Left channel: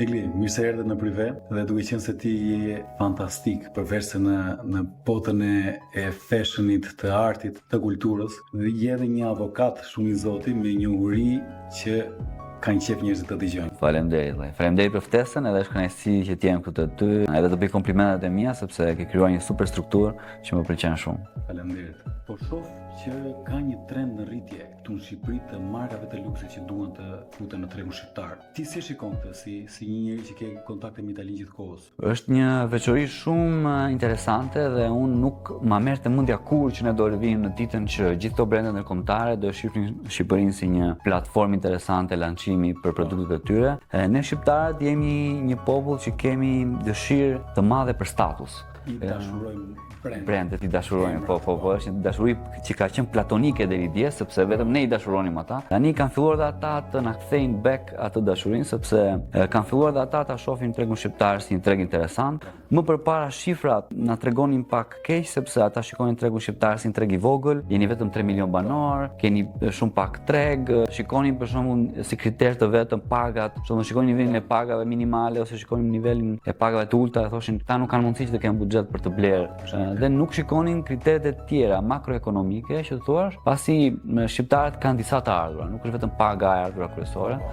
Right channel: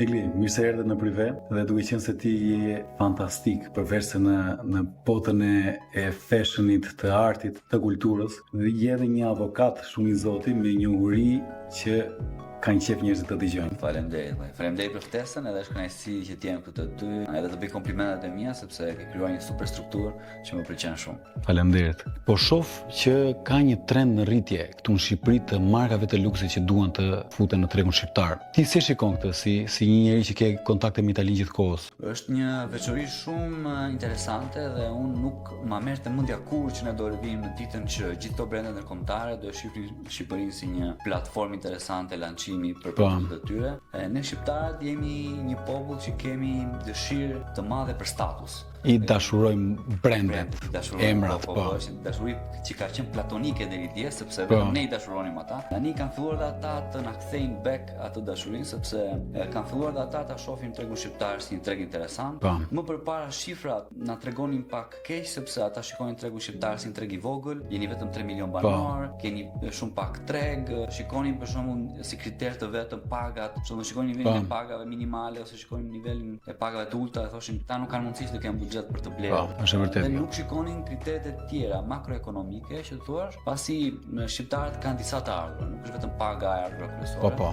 Egli, mirë se erdhe në prive dhe duke qenë se ti je fantastik përveç se në botën e fashionit, të artit, të kulturës, dhe je edhe një avokat shumë i zoti me një uri që kanë qef njerëzit të dëgjojnë. Faleminderit. Faleminderit për ftesën, edhe është kënaqësi që të jem këtu te ty. Edhe do bëj komplimentet e mia sepse ke krijuar një super strukturë që më pëlqen shumë. Faleminderit. Po shoh që ka një trend në rritje këtu në Shqipëri të markave të luksit që duan të futen në tregun shqiptar. Ti si shikon këtë si një njeri që ke kontakte me Italinë gjithkohës? Është një veçori shumë interesante dhe unë nuk ma merr të mendja kurrë që ne do rrivim në ditën që gjithë këto brende ndërkombëtare do shifrin Shqipërinë si një platformë interesante lançimi për produktet e tyre. Ne shqiptarët jemi një popull që kemi dëshirë të madhe për status. I dashurojmë brendet, i dashurojmë, po, është një dashuri që ka qenë platonike deri dje, sepse vetëm ne i dashuronim ata. Tani kanë filluar dhe ata të na kthejnë back atë dashurinë, sepse kanë filluar dhe ata ta shohin tregun shqiptar si një treg interesant. Më përpara shifrat na tregonin pak keq, sepse ata shikonin tregun shqiptar si një treg i vogël, jeni vetëm 3 milion banor, keni shumë pak treg, shikonin për shembull si kriter të vetëm pagat, shikonin nivelin e pagave minimale ose shikonin nivelin e pagave të ulta, thoshin ta nuk kanë mundësi që të kenë për të blerë dhe nuk shikonin kriteret e tjera makroekonomike që të thuash, pasi shqiptarët kanë disa të ardhura, nuk është vetëm paga e ardhura kryesore.